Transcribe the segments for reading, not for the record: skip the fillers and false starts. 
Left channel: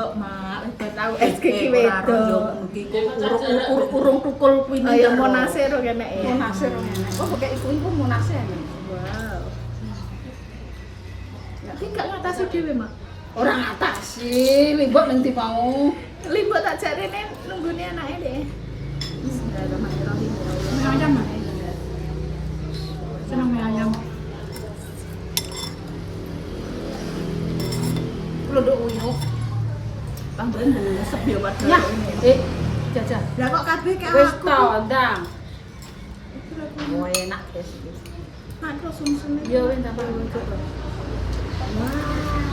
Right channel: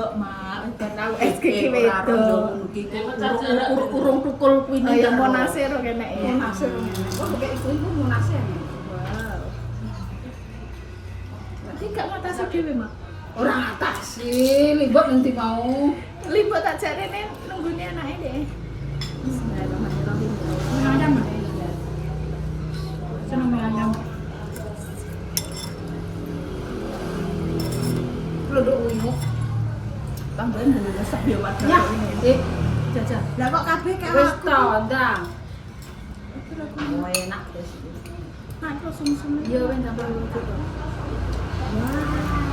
wedok, Mak. Wis tau SKI Ora wedok. urung tukul kuwi Oh ya monase ro kene. Monase ngene. Kok kayak iku monase ngene. Wow. Tapi gak ngatasi dhewe, Mak. Ora ngatasi, limbok nanti mau. Limbo tak jarene nunggune anake deh. Bismillahirrahmanirrahim. Mie ayam. Seneng mie ayam. Lodok uyuk. Tambahin dulu resep ya warga Ya, ini. jajah. Lah kok kabeh kayak Wis aku. to, ndang. Oh, enak deh sih. Mak terus sumsum. Ya wis tambah uyuk. Wah.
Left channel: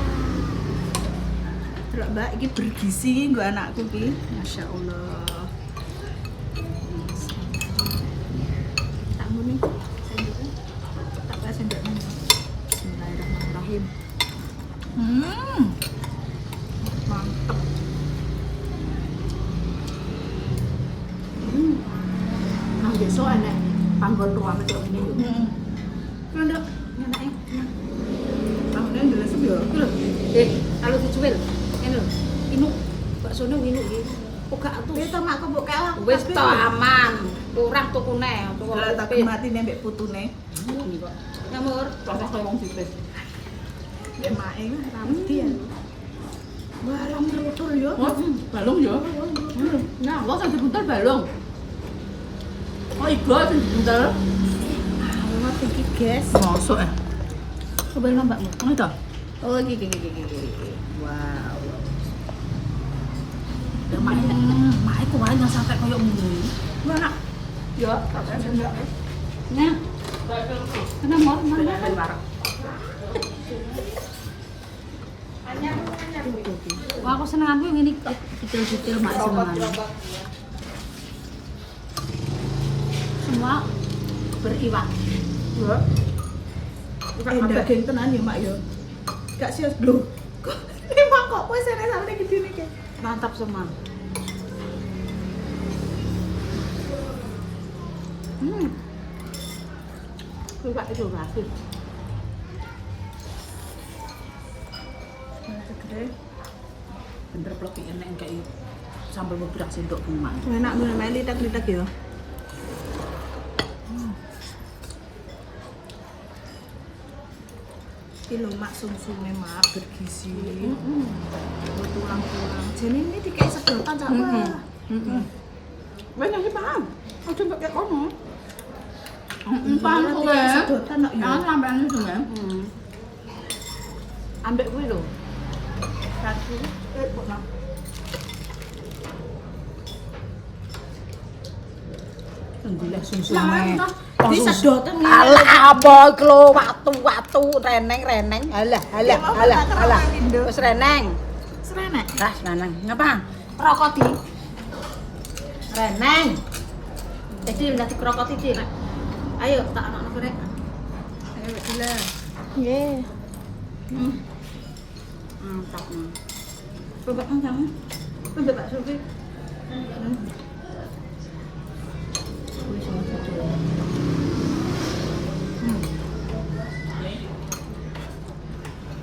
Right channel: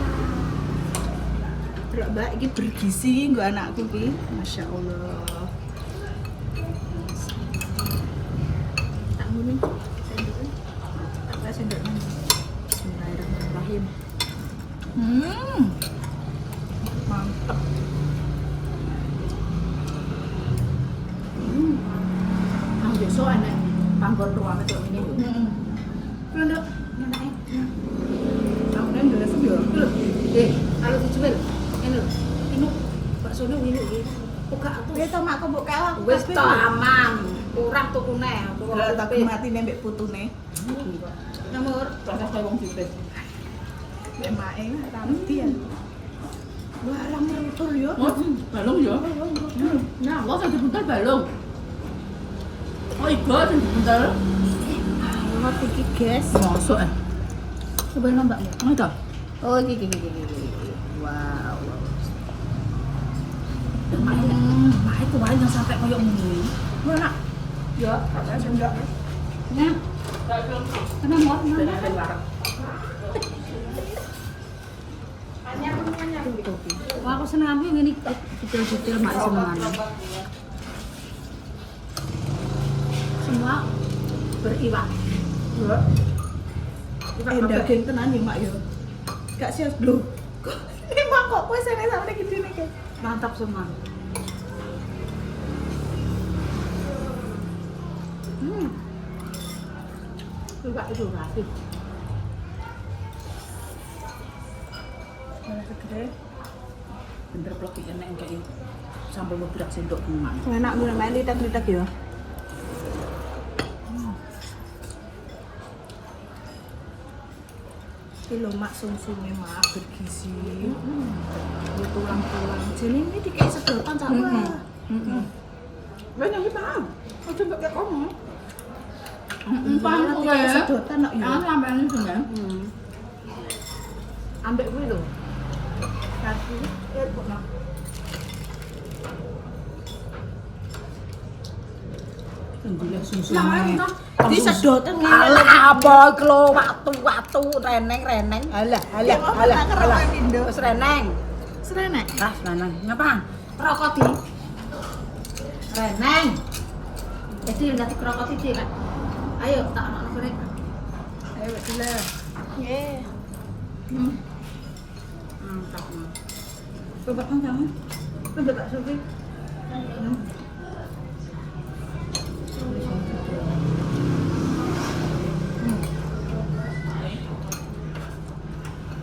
Delok Mbak iki bergizi nggo anakku ki. Masya Allah. Tak ngene sendoknya. Tak pakai sendoknya. Bismillahirrahmanirrahim. Mantep. Nah, besok enak panggon ruang itu ini lho. Ngono. Enake. Tambahin dulu resep ya. Kalau dijual ngene lho. Ini baksone winu iki. Buka atuh. Wis to mak kok kalah. Wis to aman. Kurang tukune. Lah tak matine mbek putune. Nyamur, proses koyo wong sipit. Mbek make rapi ya. Wah, lamur lutur ya. Balung ya. Nah, lo sing dibuntel balung. Oh, iku sing dibuntel. Awak iki, guys. Mosok Coba mbakmu. Ono to? Oh, iki. Wow. Mak iku wae yang sampai koyo ngene. Mana? Ya, pakai sendok. Nah. Kenapa? Wah, aku seneng aku ini detail-detail mak senengan. Semua beriwak. Ya. Daging tenan ya, Mak ya. Gak sias lho. Emang kok kowe sene sampe gini nih, Kak? Mantap semua. Coba itu lagi. Malah segede. Bener blok enek kayak sambal beberak sendok bunga. Enak gue main litak-litak ya. Iki lho Mak sumsume Mak bergizi. Tulang-tulang. Jadi ini dikei sedotan cak wah. Wes nang paham. Ojo mbok kek kono. Paham kowe. Sedotan kok ya. Jangan sampean itu, Mbak. Ambek kuwi lho. Kaki kok Mak. Golek sumsume. Di sedotan ngene. Alah apa iki lho watu-watu reneng. Alah. Wis reneng. Serenek. Dah reneng. Ngapa? Rokok di. Reneng. Jadi nanti rokok iki, Nak. Ayo tak ana goreng. Ayo gila. Nggih. Mantap. Coba kan kamu. Coba Pak Sufi.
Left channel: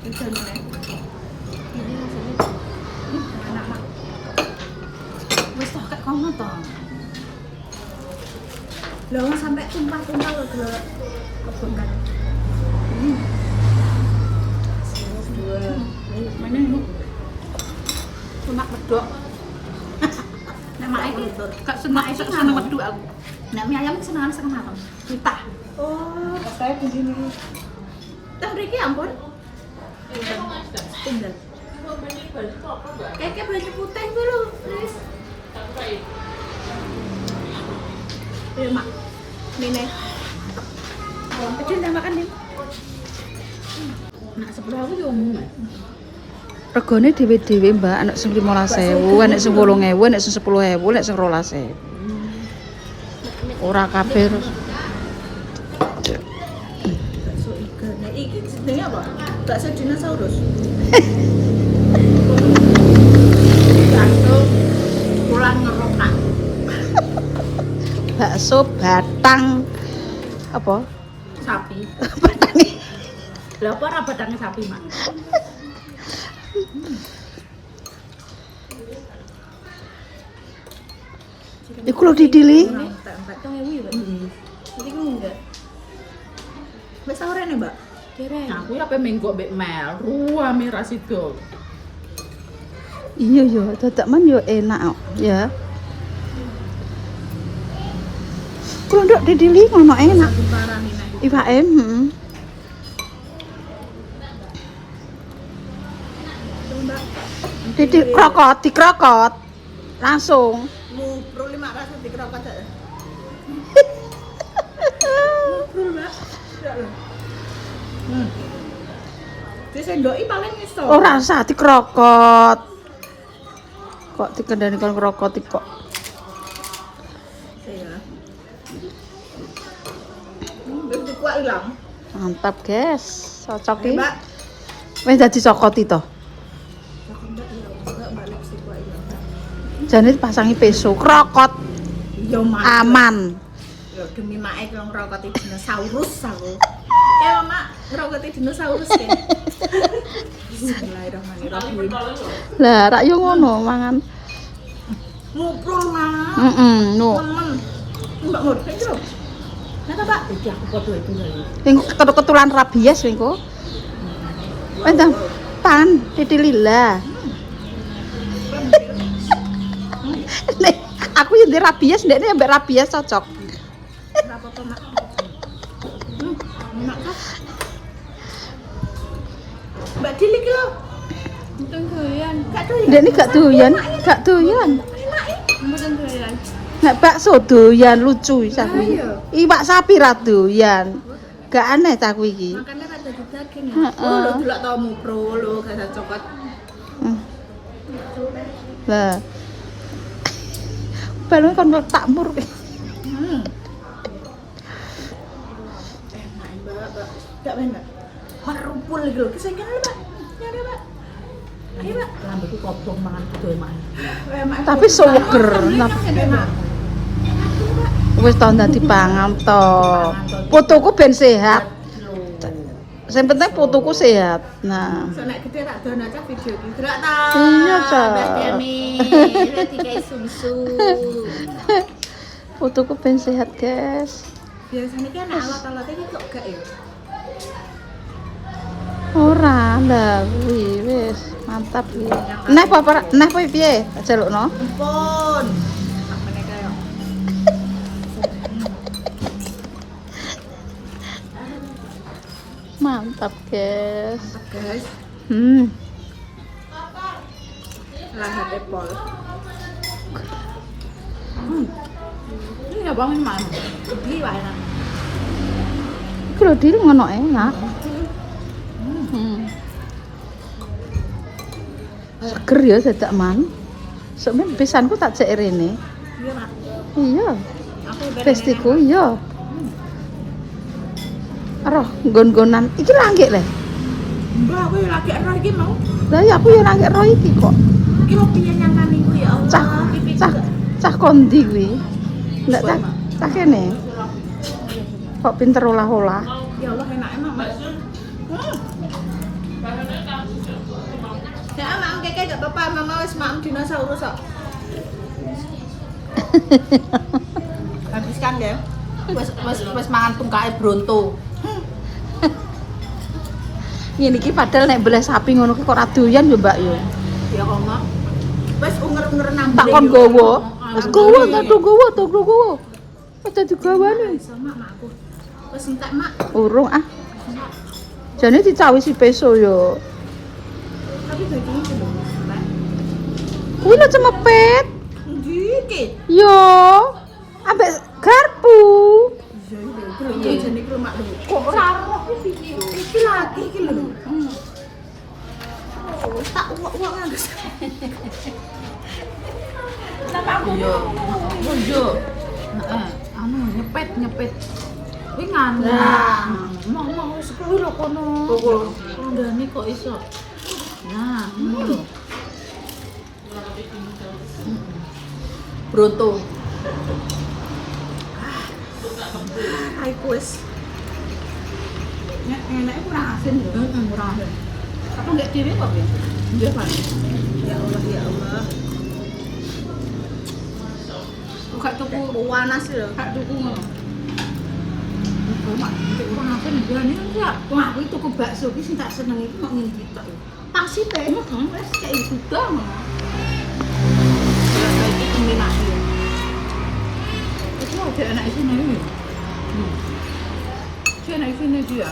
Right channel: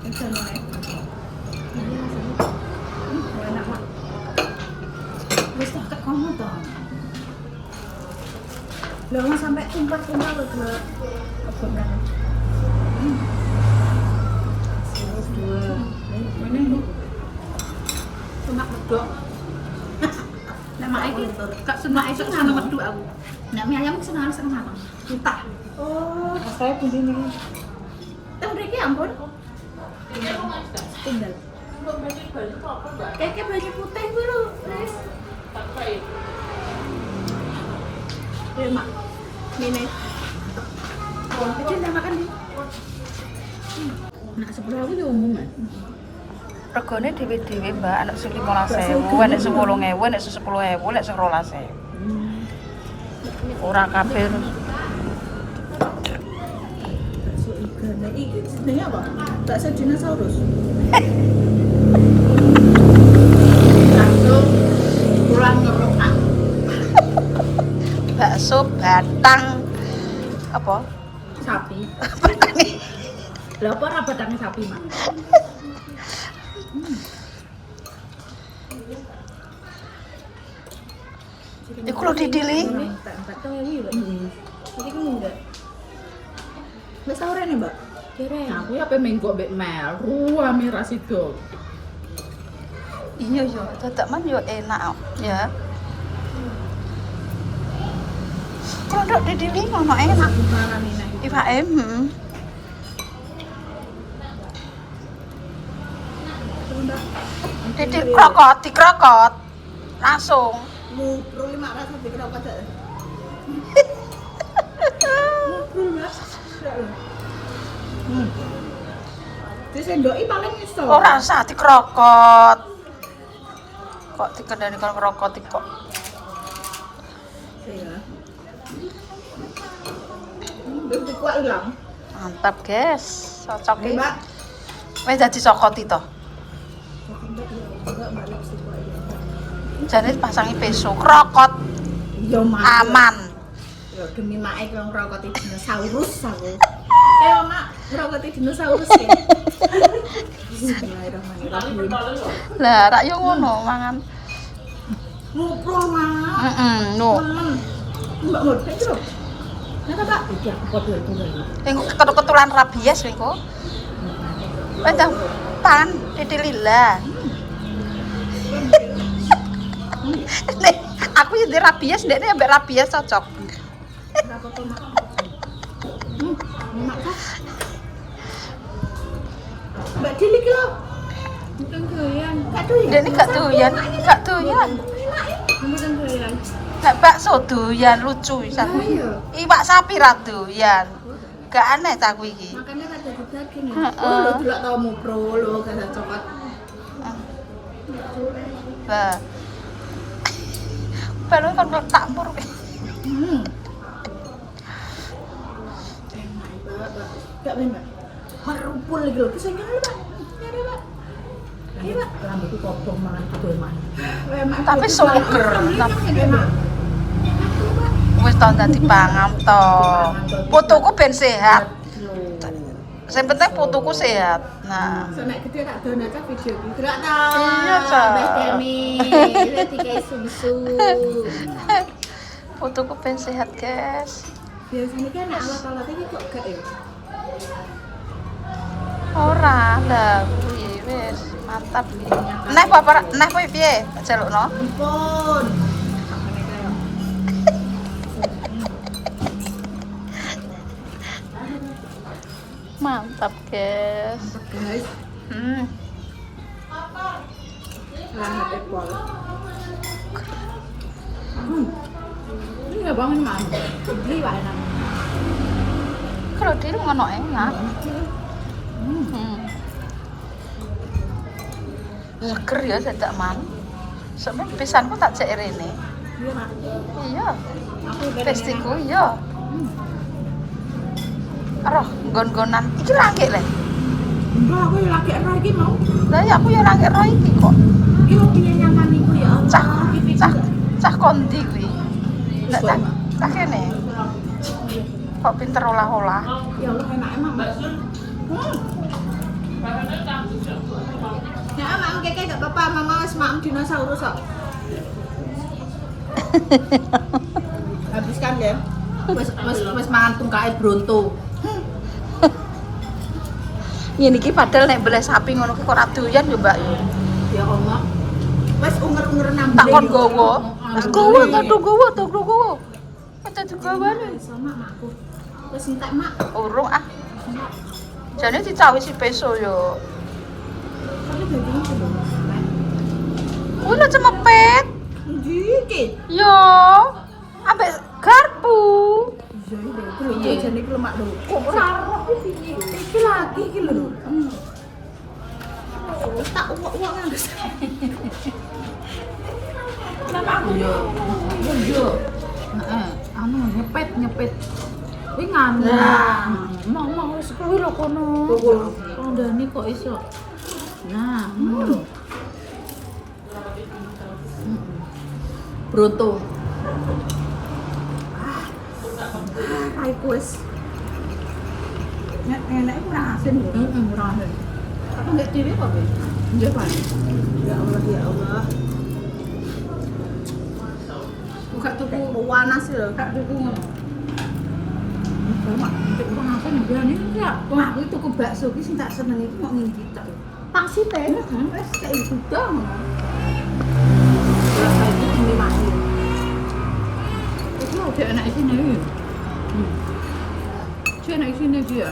Bisa nih. Enak Mak. Wis tak kek kono to. Lah nggak sampai tumpah-tumpah lho delok kebun kan. Ini cuma medok. Nek mak iki gak seneng esuk seneng medok aku. Nek mie ayam seneng setengah mateng. Entah. Oh, saya di sini. Teh mriki ampun. Tunggal. Kayak banyak putih dulu, Tris. Ya Mak. Mine. Kecil dah makan nih. Nak sebelah aku yo umum. Regane dhewe-dhewe, Mbak, anak sing 15.000, anak sing 8.000, anak sing 10.000, anak sing 12.000. Ora kabeh. Bakso iga. Nah, iki jenenge apa? Bakso dinosaurus. Langsung pulang ngerotak. Bakso batang apa? Sapi. Lah apa ora batange sapi, Mak? Iku lho didili. Empat tuh hewi, Mbak. Jadi kan enggak. Mbak sahur nih, Mbak. Dereng. Aku ya pe menggo mbek Mel, ruame ra sido. Iya yo, dadak man yo enak ya. Kondok didili ngono enak. Aku parani nek. Iwake, Mbak. Didi krokot, dikrokot. Langsung. Mu pro 5 rasa dikerokot aja. Mu Mbak. Ya lho. Disendoki paling iso. Ora usah dikrokot. Kok dikendani kalau krokot kok. Iya. Udah kuat ilang. Mantap, guys. Cocok iki. Mbak. Wis dadi cokot itu. Enggak balik sih kuat ilang. Jane pasangi peso, krokot Yo mak. aman. Yo demi mak iki ngrokoti dinosaurus aku. Kayak mak ngrokoti dinosaurus ya. Bismillahirrahmanirrahim. Lah, rak yo ngono mangan. Muprul mak. No. Mbak Mur, kayak gitu. Nah, Pak. Iki aku podo itu lho. Sing ketulan rabies lho. Entah pan didilila. Nek aku yang di rabies, ndekne ambek rabies cocok. Enggak apa-apa, Mak. Enak kan? Mbak Dili ki lho. Mungkin doyan. Gak doyan. Ndekne gak doyan, gak doyan. Mungkin doyan. Nek bakso doyan lucu sapi. Iya. Iwak sapi ra doyan. Gak aneh ta kuwi iki. Makanya kan daging daging ya. Heeh. Oh, lo delok tau mupro lo gak coklat. Lah. Baru kan tak mur. Enak, Mbak. Gak bener. Merupul lagi lho. Kesenggan lho, Pak. Ya ada, Pak. Ayo, Pak. Rambutku kobong mangan kudu emak. Tapi seger. Wis to dadi pangan to. Putuku ben sehat. Sing penting putuku sehat. Nah. Sonek gede tak dono aja video iki. Gerak ta. Iya, Cak. Mbak Demi. Lihat iki susu. Putuku ben sehat, guys. Biasanya kan alat-alat iki kok gak ya? Ora lah, wis mantap iki. Nah, apa nah kuwi piye? Jalukno. Ampun. Sampeyan kaya. Mantap, guys. Guys, lah Apple. Ini enggak bangun mana? Di wae nang. Kalau diri ngono enak. Seger ya dadak man. Sebenarnya pisanku tak cek rene. Iya, Mak. Iya. Aku bareng Pestiku iya. Aroh, gon-gonan. Iki langgek le. Mbak, aku yo lagi ero iki mau. Lah ya aku yo langgek ro iki kok. Iki lo piye nyaman iku ya Cah, Allah. Iki cah, cah kondi kuwi. Enggak Kok, cah, Mak? cah kene. Kok pinter olah-olah. ya Allah enak Mak. Ya, Mak, keke gak apa-apa, Mama wis maem dinosaurus kok. Habiskan deh. Wis mangan tungkae bronto. Ngene iki padahal nek belah sapi ngono kok ora doyan yo, Mbak yo. Ya Allah. Wis unger-unger nambah. Tak kon gowo. Tak gowo, tak gowo, tak gowo. Aja digawane. Iso Mak, makku. Wis entek Mak. Urung ah. Jane dicawisi peso yo. Tapi dagingnya belum. Kuwi lho cemepet. Ndi iki? Yo. Ambek garpu. Iya, jane iki lho Mak lho. Kok ora roh iki piye? Iki lagi iki lho. Wis tak uwak-uwak nang. Iya. Iya. Heeh, anu nyepet. Kuwi nganu. Mau wis kuwi lho kono. Kondane kok iso. Nah, ngono lho. Bronto. Raiku wis. Nek enak kurang asin lho. Ora asin. Aku nggak diri kok, Nggih, Pak. Ya Allah, ya Allah. gak tuku panas lho. gak tuku. Mak, nek urang apa nih berani enggak? Wah, aku tuku bakso ki sing tak seneng iku kok ngene iki tok. Pasti teh. Wes kayak juga ngono. Ya kayak iki pemilahe. Itu ada anak sini ya. Si anak sini dia.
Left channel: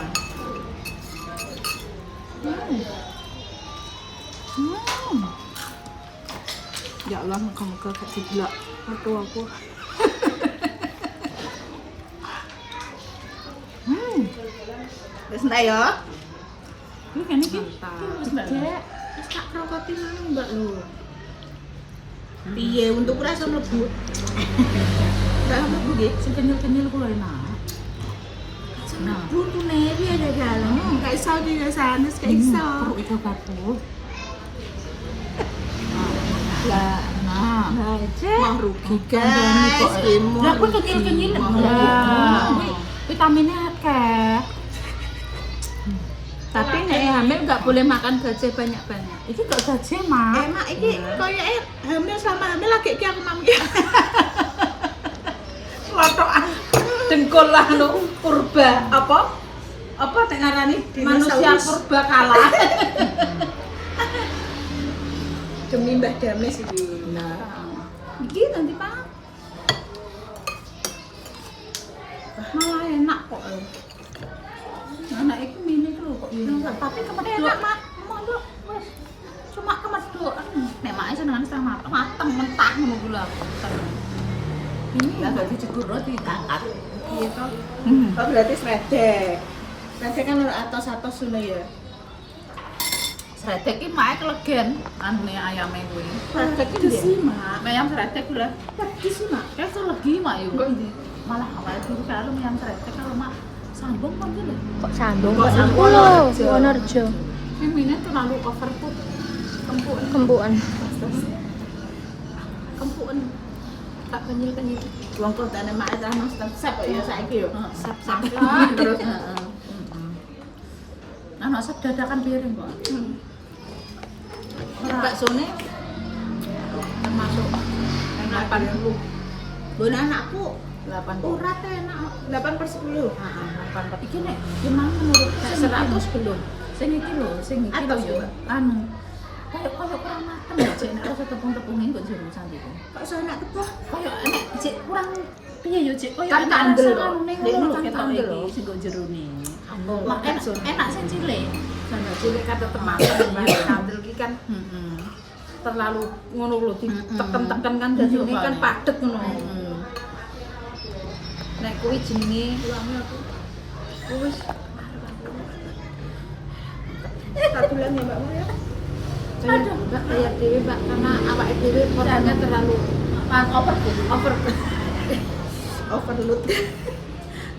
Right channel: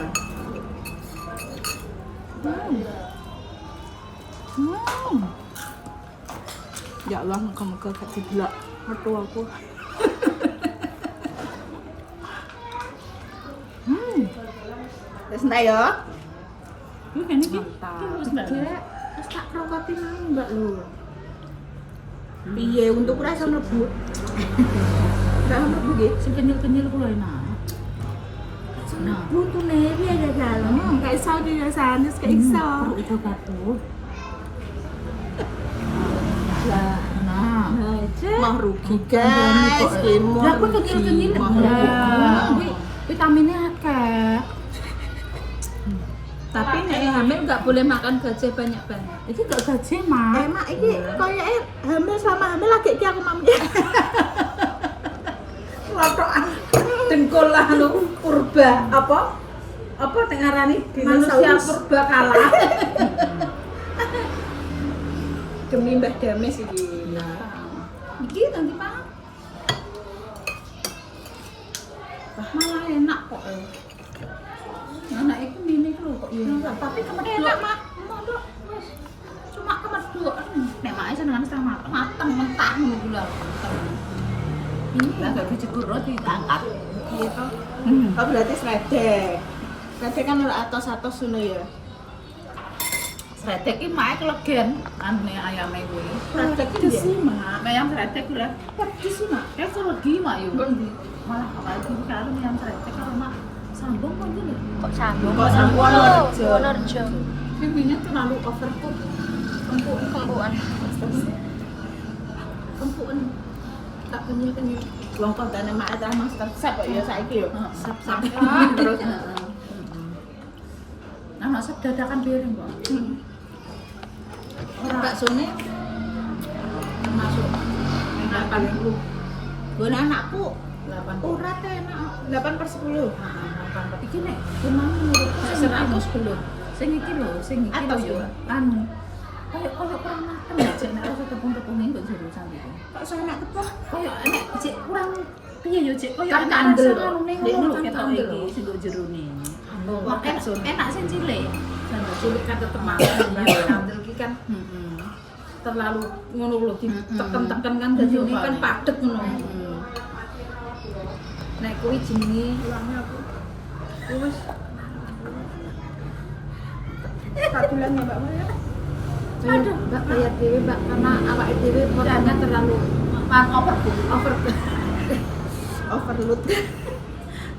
Ya Allah, muka-muka gak didelok foto aku. Wes ndak ya? Ini kan ini. Dek, wis tak krokoti nang Mbak lho. Piye untuk ora iso mlebu? Ora iso mlebu nggih. Si kenyal-kenyal kuwi enak. Nah, Buntune piye ada dalam? Gak iso di sanes gak iso. Perlu itu kapur. Lah, Nah, aja. mah rugi Guys, Lah kuwi kenyal-kenyal. Lah, kuwi vitaminnya akeh. Tapi nek hamil nggak boleh makan gajah banyak-banyak. Itu gak gaji, Mak. Emak iki koyoke hamil sama hamil lagi ki aku mami. Lotokan dengkul lah lho purba apa? Apa nek ngarani manusia purba kalah. Demi Mbah Dames iki. Nah, Iki nanti Pak. Malah enak kok. anak itu mini lho kok ya. Enggak, tapi kemedok enak, Mak. Mondok wis. Cuma kemedok. Nek mak senengane setengah mateng mentah ngono kuwi lho. Lah gak dicegur roti diangkat. Gitu. Oh berarti sredek. Sredek kan ora atos-atos ngono ya. Sredek iki mak kelegen anune ayame kuwi. Sredek iki sih, Mak. Ayam sredek kuwi lah. Pedis sih, Mak. Kayak legi mak yo. Kok ndi? Malah awal dulu kalau ayam sredek kalau mak sambung kok lho. Kok sambung? Kok sambung Wonorejo? Wonorejo. Ini terlalu overcook. Kempuan. Kempuan. Tak kenyil-kenyil. Wong kok dene mak ta nang sep kok ya saiki yo. Sap-sap Terus. Nah, masak dadakan piring kok. Ora baksone termasuk 80. Bon anakku 8 urat enak 8/10. Iki nek memang menurutku sing 100 belum. Sing iki lho, sing iki lho Atos yo. juga. Anu. Kayak kurang mateng ya, Cek. Nek rasa tepung-tepungnya kok jero cantik. Kok iso enak tepung? Kayak nek Cek kurang piye yo, Cek? Kayak Kan enak kandel rasa lho. anu ning Nek ngono kan ketok kandel iki lho. sing kok jero ni. Makan Enak sing cilik. Sandal cilik kata temangan kandel iki kan Heeh. terlalu ngono lho Mm-mm. diteken-teken kan dadi Iya, ini kan Pak. padet ngono. Heeh. Nek kuwi jenenge ulange aku. Wis. Tak bilang ya Mbak Maria. Aduh, Mbak bayar dhewe Mbak karena awake dhewe porsinya terlalu overload.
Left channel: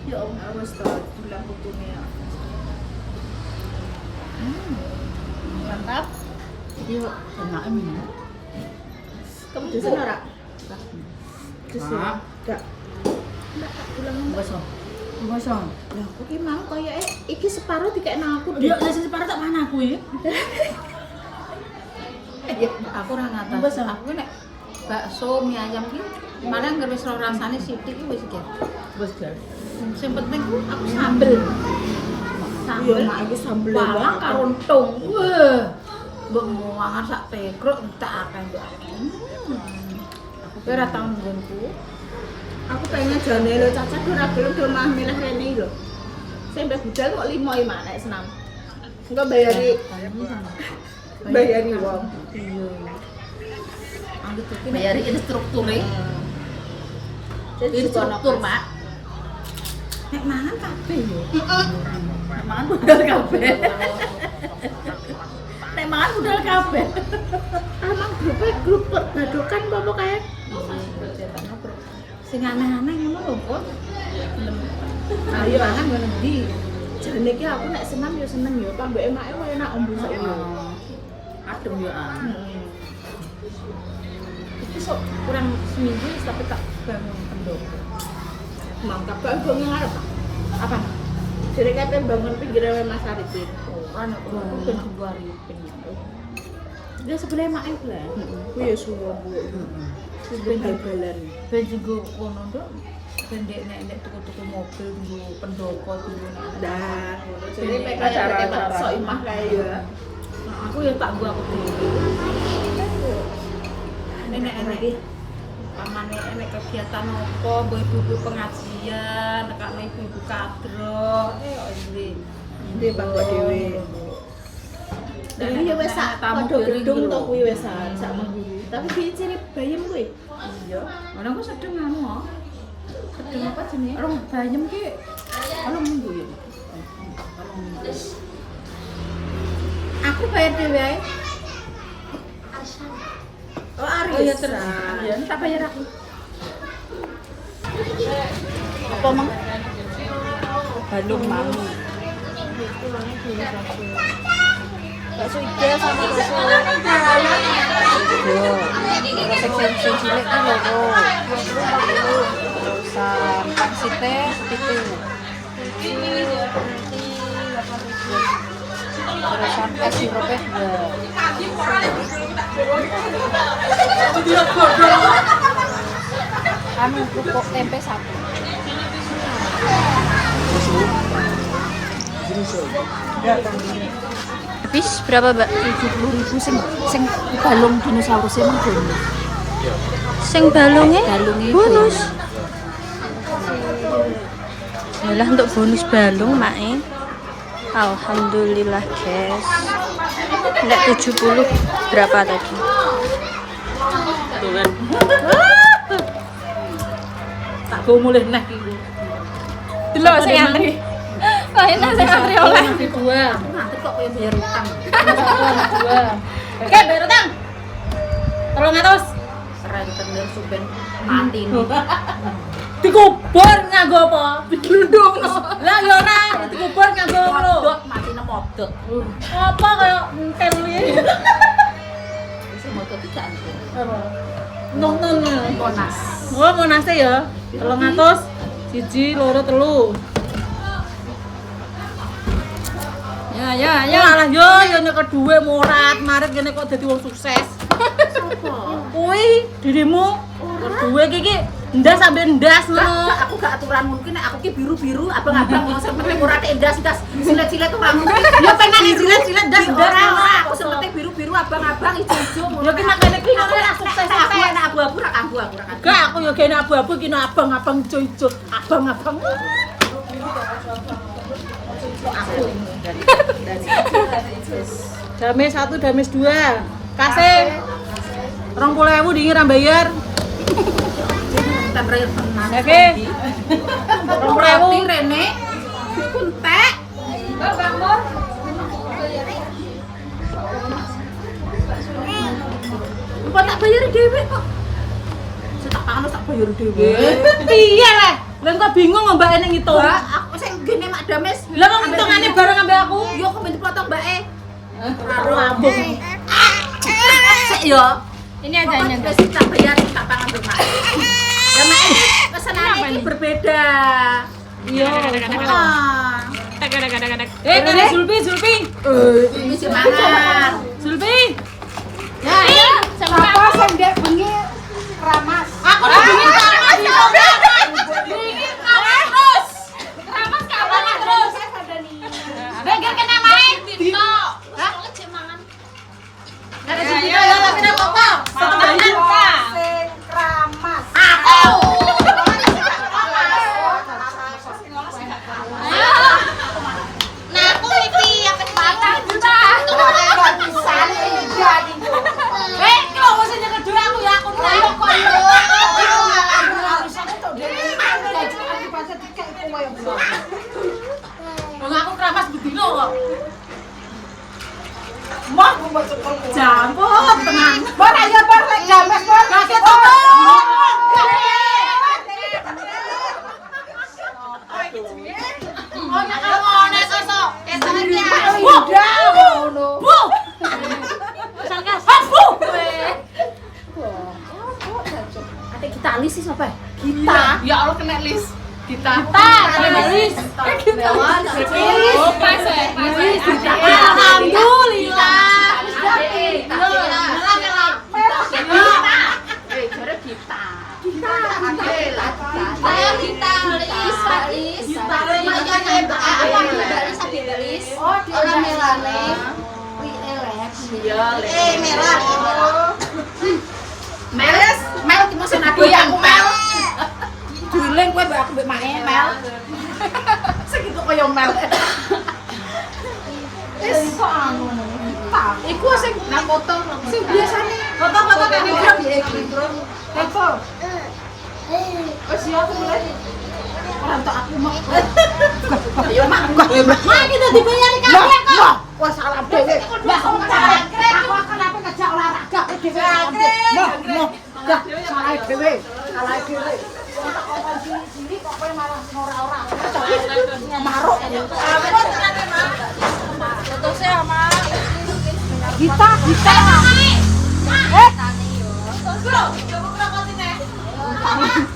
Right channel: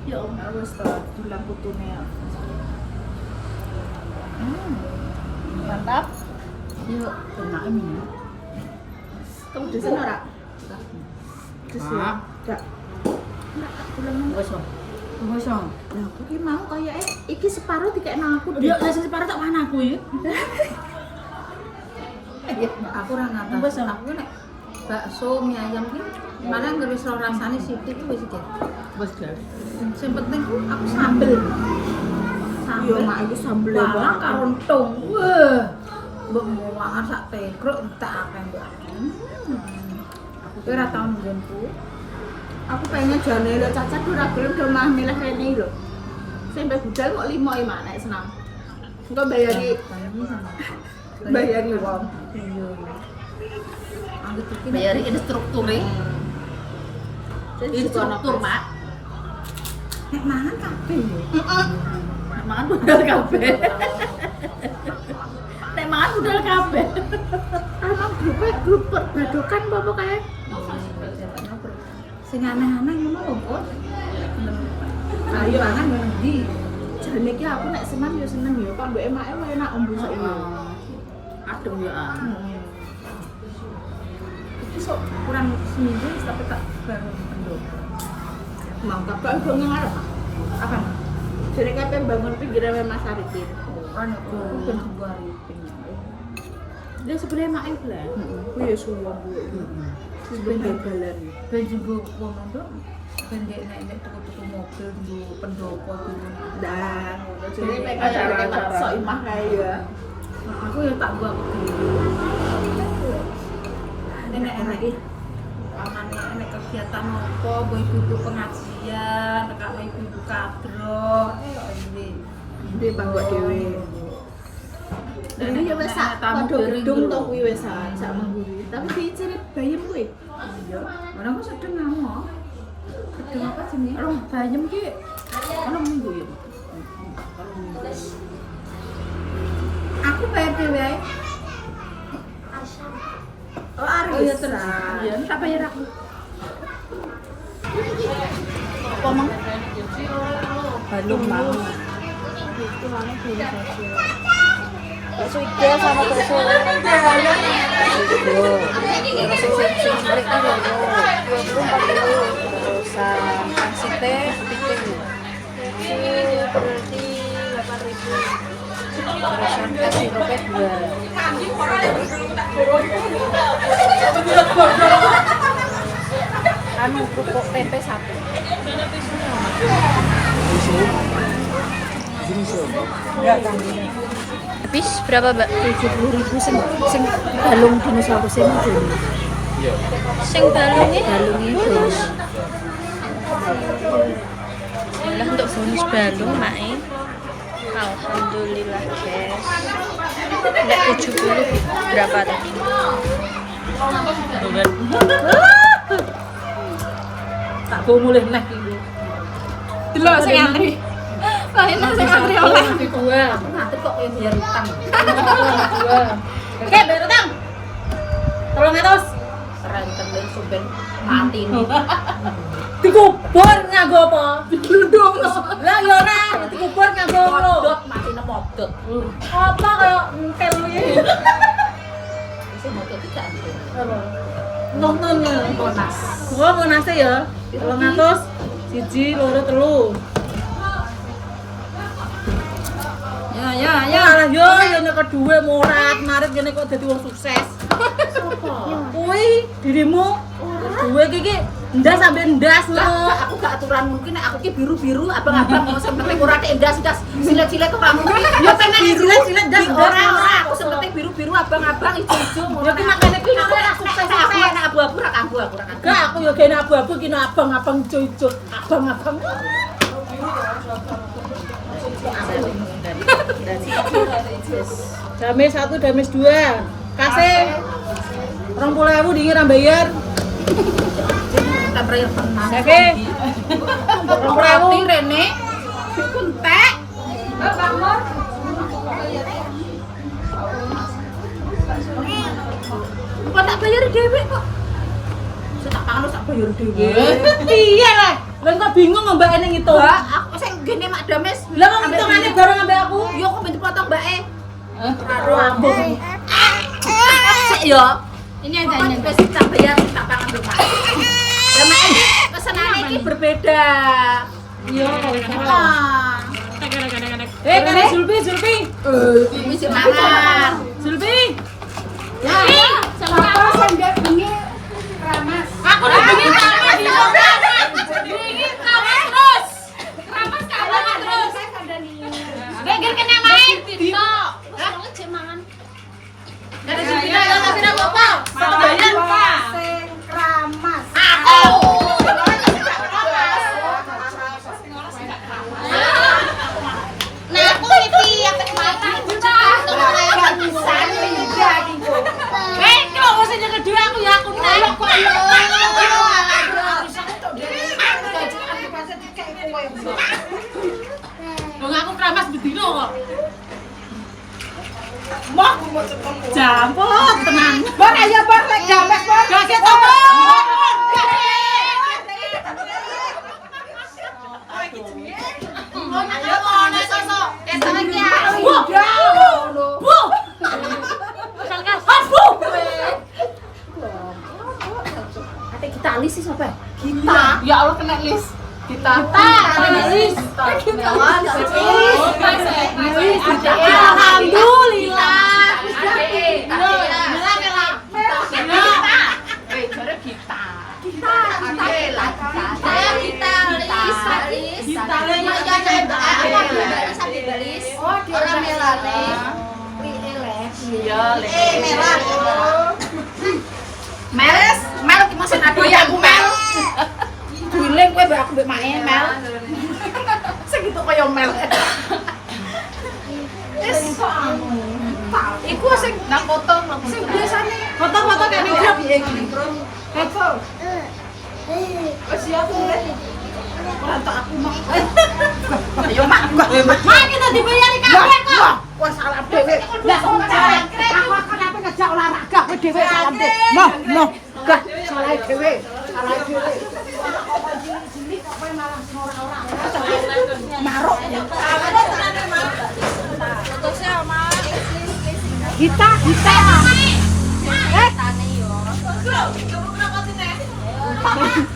Ya om, wis to dulang putune. Mantap. Iya, enak ini. Kamu dosen ora? Dosen. Ah. Enggak. Enggak tak dulang. Gosong. Lah aku ki mau koyoke iki separuh dikek nang aku. Dia lah sing separuh tak mana aku ya? Aku ora ngatas. Wes, Om. Aku nek bakso mie ayam ki mana ngeris ro rasane sithik ki wis iki. Wes, guys. Sing penting ku aku sambel. Yo mak iki sambel Bawang karo karo entung. Wah. Mbok muangan sak tekruk tak akeh mbok. Kowe ora tau nggonku. Aku pengen jane lho cacat ora gelem do mah milih rene lho. Sampai budal kok 5 ya mak nek senam. Engko bayari wong. Iya. Anggap iki Bayari instrukturnya. Jadi Instruktur, Mak. nek mangan kabeh yo. Nek mangan budal kabeh. Nek mangan budal kabeh. Emang grup perbadokan apa kae? Sing aneh-aneh ngono lho, Pun. Ayo mangan ngono ndi? Jane iki aku nek senam yo seneng yo, Pak mbok emake wae enak ombo sak yo. Adem ya. Iki sok kurang seminggu tapi tak bangun pendok. Mangkap kan bangun ngarep, Pak. Apa? Jadi kapan bangun pinggirnya Mas Arifin. Ora nek Aku ben Arifin. Dia sebelah mak iku lah. Ku ya suwon Bu. Ben bal-balan. Ben juga ngono nduk. Ben nek tuku-tuku mobil tunggu pendopo tunggu. Nah, Jadi jadi mereka acara-acara sok imah kae ya. Aku ya tak gua aku dhewe. Nenek lagi pamane enek kegiatan apa, ibu-ibu pengajian, tekane ibu-ibu kadro, ndi. Ndi bangga dhewe. Dewi ya wis sak Tamu gedung to kuwi wis sak mengguri. tapi diciri bayem kuwi. Iya. Ora kok sedeng anu. Sedeng apa jenenge? Rong bayem ki ana minggu ya. Aku bayar dhewe ae. Oh, Aris. Oh iya tenang. Iya, tak bayar aku. Apa mang? Balung mau. Itu mana belum sosial. Bakso Ida sama bakso. Yo. Sing cilik kan lho. 20 40 terusan pangsite piting. Itu berarti 8.000. Terusan es sirupnya 2. Anu kerupuk tempe 1. Habis berapa, Mbak? 70.000 sing balung dinosaurus emang bonus. Sing balungnya bonus. Yalah untuk bonus balung, Mae. Alhamdulillah, guys. Enggak 70 berapa tadi? Tak go mulih neh iki. Delok sing antri. Lainnya sing antri oleh. Nanti dua. Aku nganti kok koyo bayar utang. Nanti dua. Oke, bayar utang. 300. Renten dan suben mati nih. Dikubur nganggo apa? Diglundung. Lah ya ora, dikubur nganggo ngono. Modot mati nang modot. Apa kaya entel iki? Wis modot tidak nih. Apa? Nonton. Monas. Oh, monase ya. 300. 1, 2, 3. Ya, alah yo nek kedue murat, marit ngene kok dadi wong sukses. Sopo? Kuwi dirimu kedue iki ndas sampe ndas ngono. Aku gak aturan mungkin nek aku ki biru-biru abang-abang mau sing penting ora tek ndas-ndas silet-silet ora mungkin. Ya pengen silet-silet ndas ora aku sing penting biru-biru abang-abang ijo-ijo ngono. Ya ki makane ki ora sukses. Aku enak abu-abu ra kanggo aku ra kanggo. Gak aku ya gene abu-abu ki abang-abang ijo-ijo, abang-abang. Dames 1, dames 2. Kasih 20.000 dingin ra bayar. Kita terakhir tenang. Oke. 20.000 Rene. Kuntek. Kok tak bayar dhewe kok. Tak pangan tak bayar dhewe. Piye lah? Lah kok bingung mbak ene ngitung. Mbak, aku sing gene Mak Dames. Lah kok ngitungane bareng ambek aku? Yo kok ben dipotong Mbak e. Rambung. Sik yo. Ini Pokoknya wis tak bayar tak pangan mbek Mak. Ya Mak ini pesenane iki berbeda. Iya. Ah. Kare Zulfi. Iki sing mangan. Zulfi. Ya, apa sing dia bengi ramas. Aku udah bengi ramas. Bengi ramas terus. Ramas terus. Bengger kena main. Dino. Hah? Dari sini ya tapi ora apa-apa. Satu bayar. Sing ramas. Aku. Nah, aku iki yang kesempatan juga. Kok wis yang kedua aku ya aku nek kok yo. Wong aku keramas bedino kok. Mah jamput tenang. Bar ayo bar jamek bar. Gak ketemu. Kita alis sih siapa? Kita. Ya Allah kena list. Kita. Alis. Alhamdulillah. Jare Gita. Oh, dia orang melane. Mel ki mesti nado ya aku Mel. Duling kowe mbak aku mbek mae Mel. Segitu kaya Mel. Wis kok anu. Iku sing nang foto Sing biasane foto-foto kene grup iki. Eko. Wis ya aku mulai. Ora tak aku mak. Ayo mak. Mak kita dibayari kabeh kok. Wah salah dhewe. Lah aku akan apa ngajak olahraga ke dhewe salah dhewe. Noh, gak salah dhewe. Salah dhewe. Sini kok kowe malah ora-ora. Maruk. Kita.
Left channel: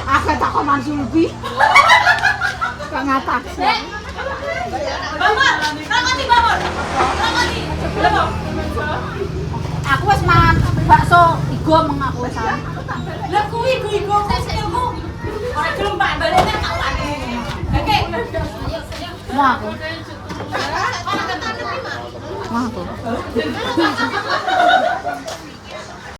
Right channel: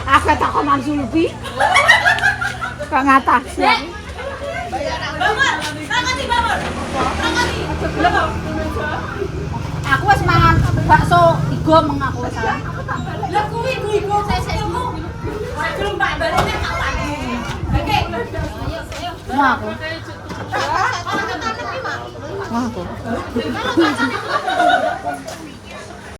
Aku tak koman Sulbi. Kang atas ya. Aku wis mangan bakso igo meng aku wis. Lah kuwi iku sesekmu. Ora gelem Pak balene tak pati. Oke. Mau aku. Wah aku.